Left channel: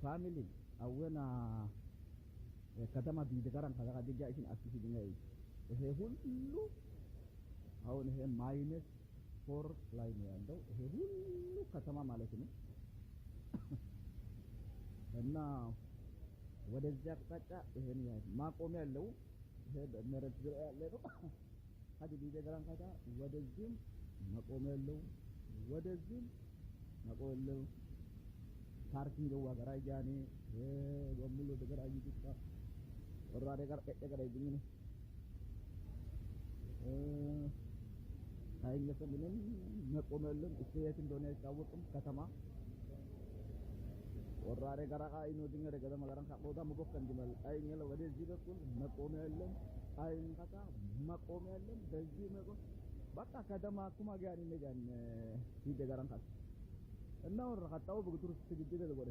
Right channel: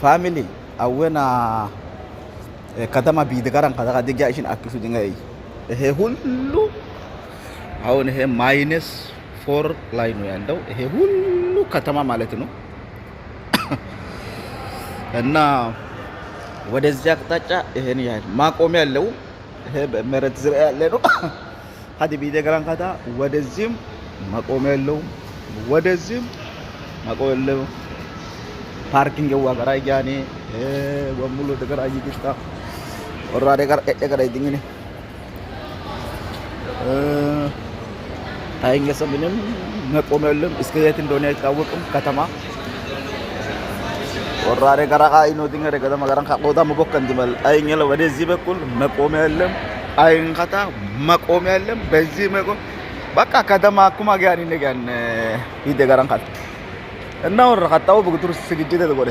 family awena katama biidgaran kada diga ishin akisu dingai he hullu አሁን ይሄ -4 ላይ ነው ያለው ይሄ ሁሉ ከተማ ማለት ነው እና ወደዚህ አቅጣጫ ይሄን ያህል ማቆሚያ ያለው ይሄ በመሬት ዙሪያ ያለ ነው ሀዲ ቢደገራን ካታ ወደዚህም ማቆሚያ ያለው ወደዚህም ማቆሚያ ያለው ፓርኪንግ ዋጋራ ያኔ ወሙሉ ደገራ ይግስታ ወራደ ጋር ደገራ ይድኝኔ አይንገሰም ምንም መቆሚያ የለም እስከ የት እንደሆነ አይታወቅም ከተማ ወራደ ጋራ አይኖ ድንገረ ከተማ ጋራን ካቆታ መቦከን ድመል አይኛለ ወደዚህ በኩል መቆሚያ የለም አይንካታ መቆሚያ የለም በዚህ መቆም በቃ ከተማ አኩማ ጋር ይነጋን ይደጋራን ካታ እና ወራ ካታው በቁጥር ስግጅት ተቆደ